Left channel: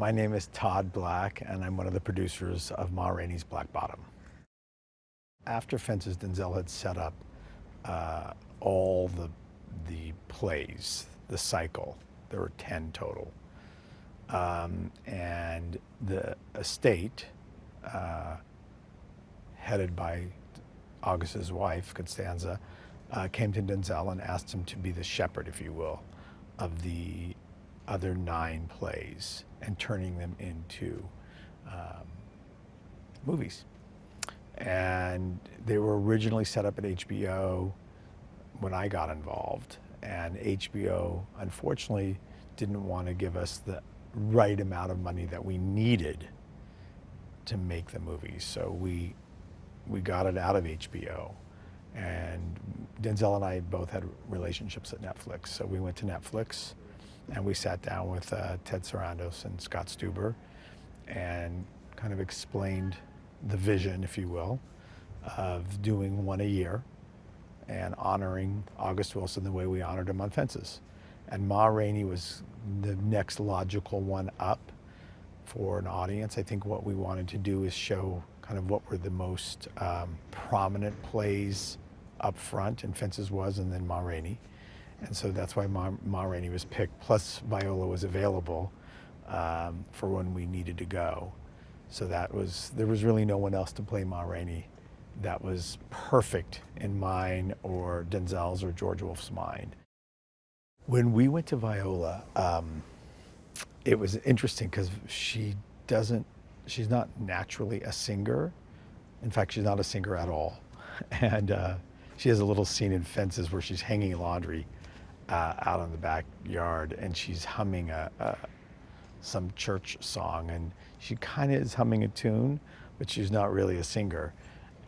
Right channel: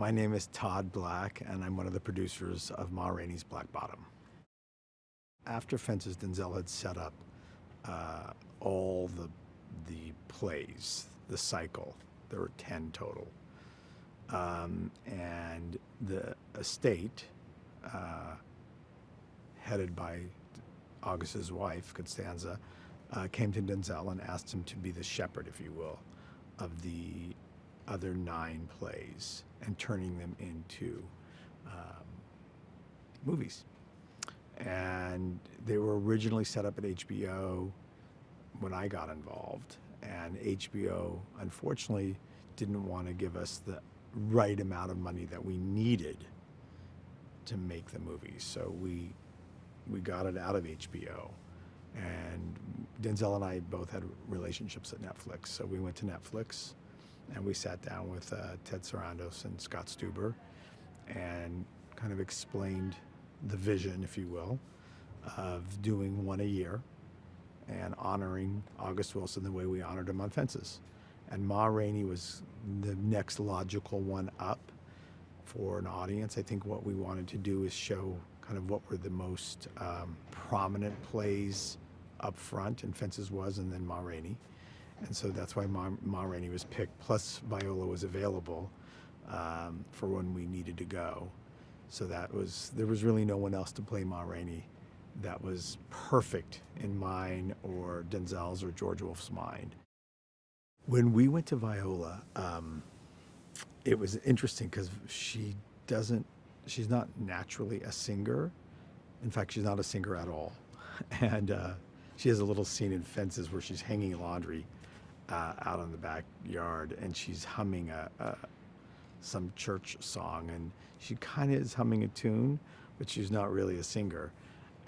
My name is Todd Black, and I'm one of the producers of Ma Rainey's Black Bottom. After Fences, Denzel had set up all the plays, the cycle. There were 10 total. And the estate, headed by August's wife, Constanza, came to Denzel and asked him to be the shepherd, if you will, of the other 9 plays and turning them into movies. And they were originally set up at HBO when I got involved, and HBO unfortunately didn't want to give us the right amount of money that we needed to make the movies. So we got it out of HBO, and Denzel and I both had relationships at Netflix. So we went to Netflix and we sat down with Ted Sarandos and Scott Stuber and kind of explained the vision, if you will, of doing one a year and honoring August Wilson the way we honored him on Fences. And Ma Rainey was the next logical one up for an audience. I think what we wanted to do is show kind of what were the most prominent plays up front, and Fences was, and then Ma Rainey. And so that's why Ma Rainey was picked, plus Viola was available for when we needed to go. So there was really no one else to play Ma Rainey that was perfect in mine or Denzel's or George Wolfe's mind. When we went to Viola, it was interesting because she's not naturally a singer. In fact, she's not a singer at all. And she has a little scene in Fences where she's hanging laundry out in the backyard, and she's humming some church song, and she kind of is humming a tune, but she's not really a singer,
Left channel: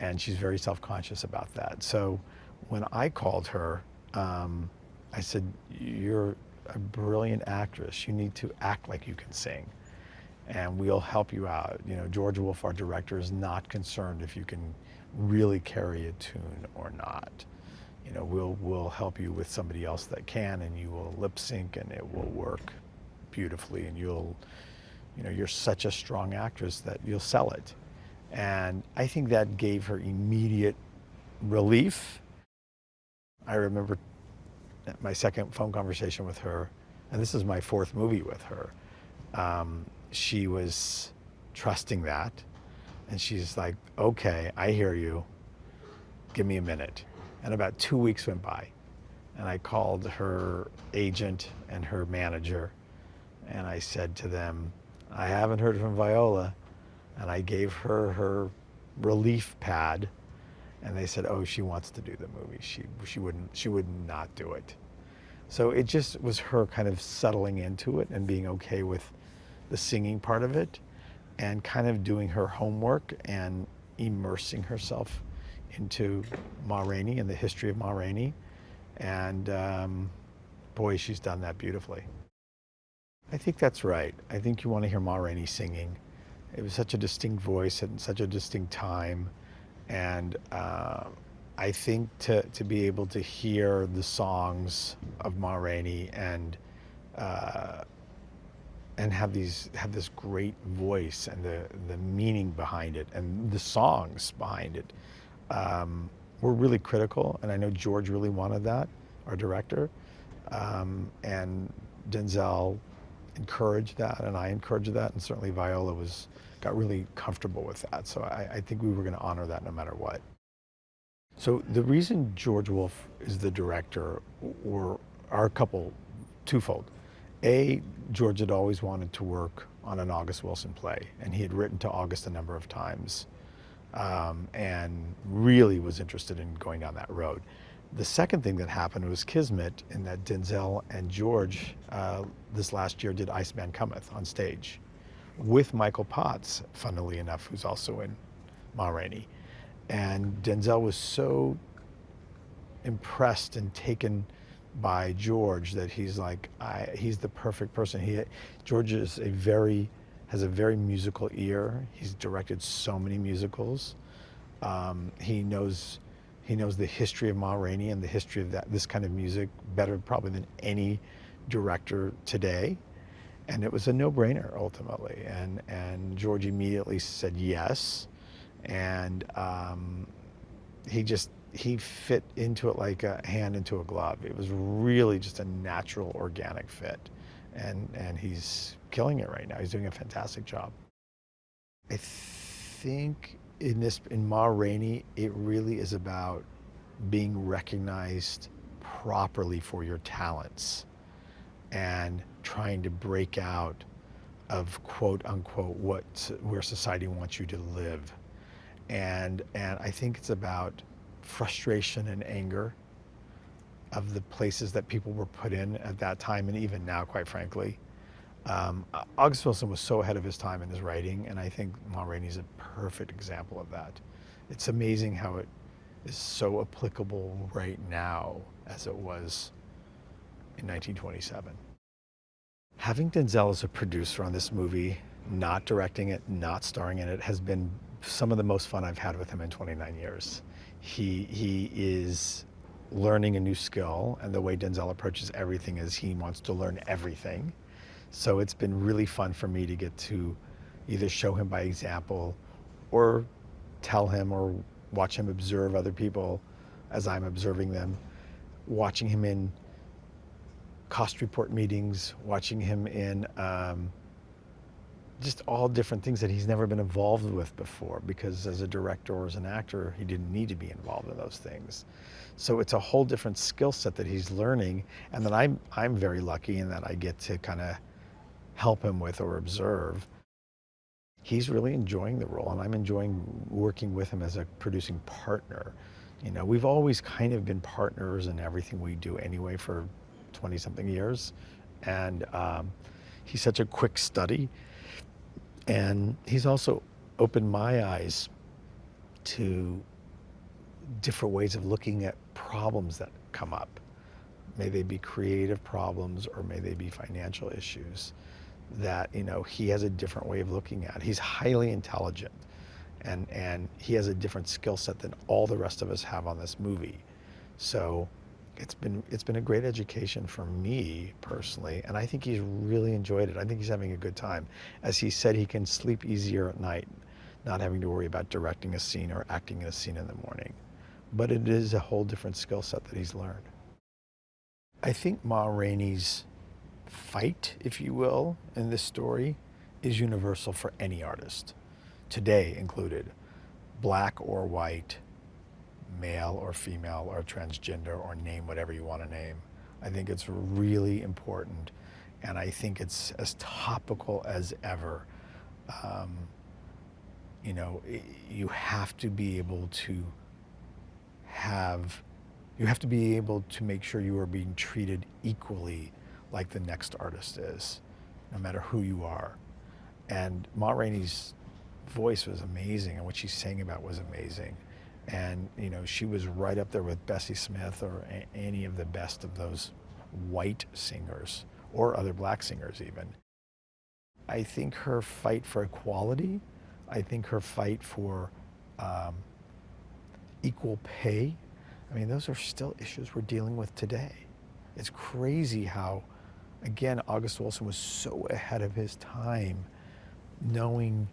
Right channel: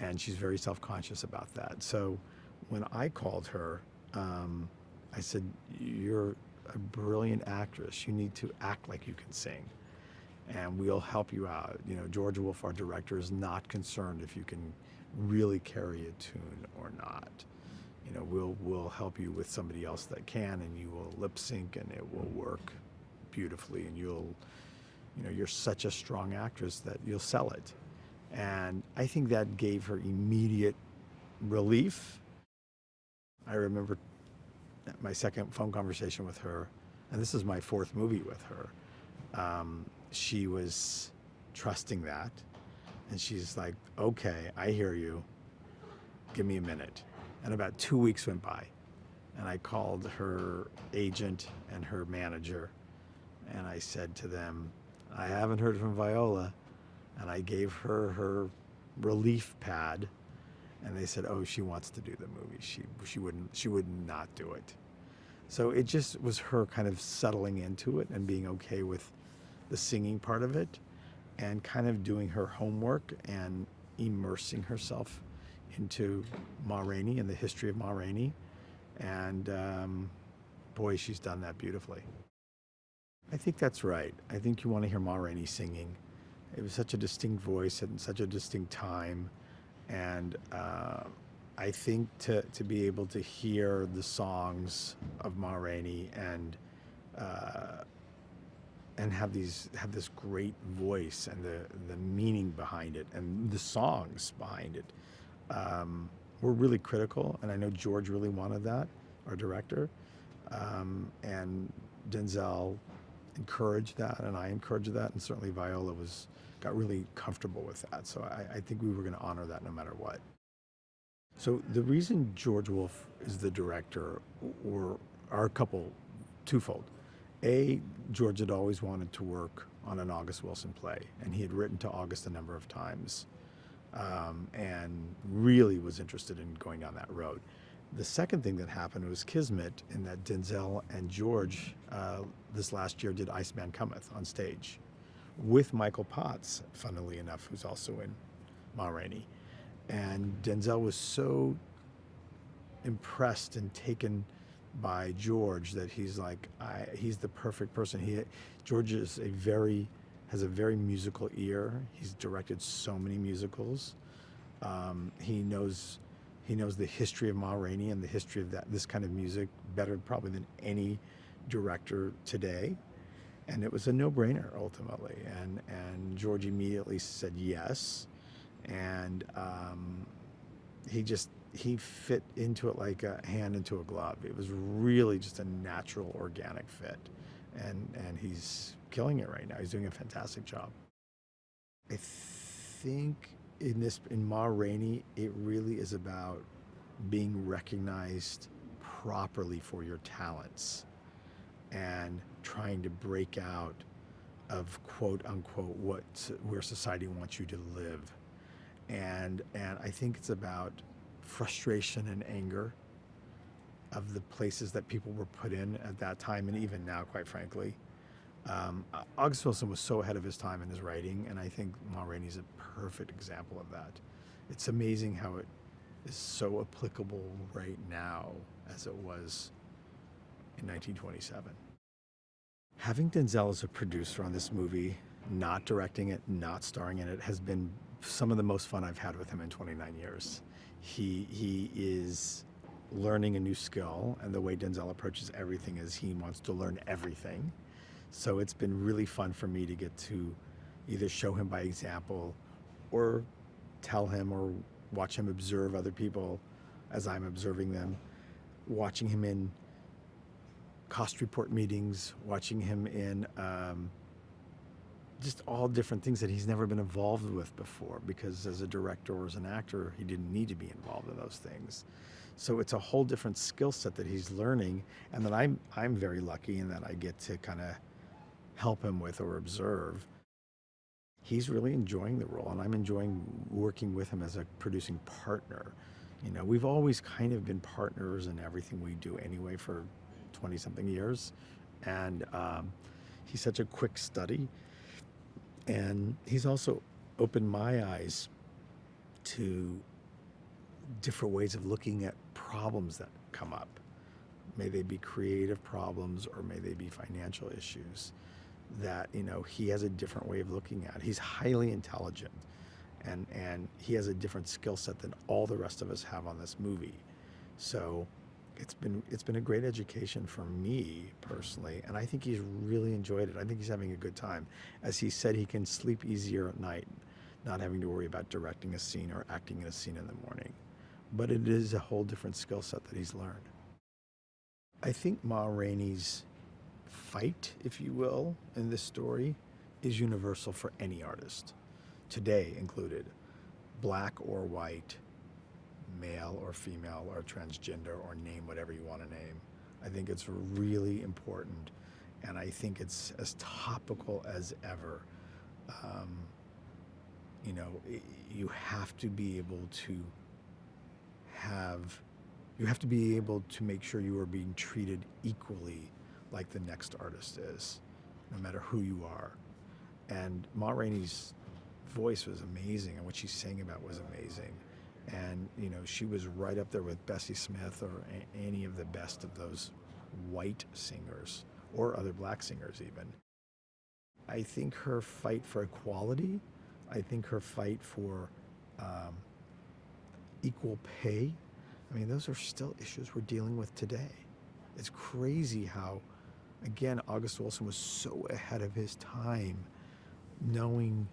and she's very self-conscious about that. So when I called her, I said, "You're a brilliant actress. You need to act like you can sing, and we'll help you out." You know, George Wolfe, our director, is not concerned if you can really carry a tune or not. You know, we'll help you with somebody else that can, and you will lip sync, and it will work beautifully, and you're such a strong actress that you'll sell it. And I think that gave her immediate relief. I remember my second phone conversation with her, and this is my 4th movie with her. She was trusting that, and she's like, "Okay, I hear you. Give me a minute." And about 2 weeks went by, and I called her agent and her manager, and I said to them, "I haven't heard from Viola." And I gave her relief pad, and they said, "Oh, she wants to do the movie. She would not do it." So it just was her kind of settling into it and being okay with the singing part of it, and kind of doing her homework and immersing herself into Ma Rainey and the history of Ma Rainey. And boy, she's done that beautifully. I think that's right. I think you want to hear Ma Rainey singing. It was such a distinct voice and such a distinct time. And I think to be able to hear the songs of Ma Rainey and have this great voice and the meaning behind it and the songs behind it were really critical. And I know George really wanted that, our director. And Denzel encouraged that, and I encouraged that, and certainly Viola got really comfortable with that. So I think we were going to honor that no matter what. So the reason George Wolfe is the director are twofold. A, George had always wanted to work on an August Wilson play, and he had written to August a number of times, and really was interested in going down that road. The second thing that happened was kismet, in that Denzel and George this last year did Iceman Cometh on stage with Michael Potts, funnily enough, who's also in Ma Rainey. And Denzel was so impressed and taken by George that he's like, he's the perfect person. George has a very musical ear. He's directed so many musicals. He knows the history of Ma Rainey and the history of this kind of music better probably than any director today. And it was a no-brainer ultimately. And George immediately said yes. And he fit into it like a hand into a glove. It was really just a natural, organic fit. And he's killing it right now. He's doing a fantastic job. I think in Ma Rainey, it really is about being recognized properly for your talents and trying to break out of quote unquote where society wants you to live. And I think it's about frustration and anger of the places that people were put in at that time, and even now, quite frankly. August Wilson was so ahead of his time in his writing, and I think Ma Rainey's a perfect example of that. It's amazing how it is so applicable right now as it was in 1927. Having Denzel as a producer on this movie, not directing it, not starring in it, has been some of the most fun I've had with him in 29 years. He is learning a new skill, and the way Denzel approaches everything is he wants to learn everything. So it's been really fun for me to get to either show him by example or tell him or watch him observe other people as I'm observing them, watching him in cost report meetings, watching him in just all different things that he's never been involved with before, because as a director or as an actor, he didn't need to be involved in those things. So it's a whole different skill set that he's learning, and that I'm very lucky in that I get to kind of help him with or observe. He's really enjoying the role, and I'm enjoying working with him as a producing partner. You know, we've always kind of been partners in everything we do anyway for 20-something years, and he's such a quick study, and he's also opened my eyes to different ways of looking at problems that come up. May they be creative problems or may they be financial issues that, you know, he has a different way of looking at. He's highly intelligent, and he has a different skill set than all the rest of us have on this movie. So it's been a great education for me personally, and I think he's really enjoyed it. I think he's having a good time. As he said, he can sleep easier at night, not having to worry about directing a scene or acting in a scene in the morning. But it is a whole different skill set that he's learned. I think Ma Rainey's fight, if you will, in this story is universal for any artist, today included, black or white, male or female or transgender, or name whatever you want to name. I think it's really important, and I think it's as topical as ever. You know, you have to be able to make sure you are being treated equally like the next artist is, no matter who you are. And Ma Rainey's voice was amazing, and what she's saying about was amazing. And, you know, she was right up there with Bessie Smith or any of the best of those white singers, or other black singers even. I think her fight for equality, I think her fight for equal pay, I mean, those are still issues we're dealing with today. It's crazy how, again, August Wilson was so ahead of his time, knowing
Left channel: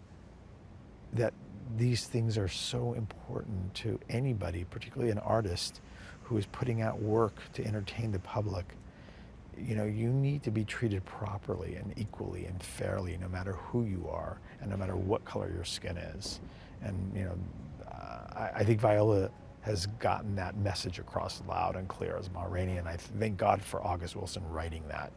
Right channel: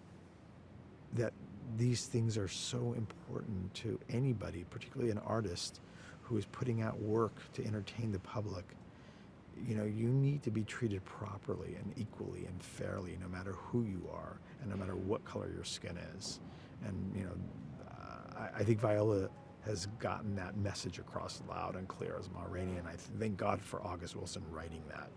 that these things are so important to anybody, particularly an artist who is putting out work to entertain the public. You know, you need to be treated properly and equally and fairly, no matter who you are and no matter what color your skin is. And, you know, I think Viola has gotten that message across loud and clear as Ma Rainey, and I thank God for August Wilson writing that.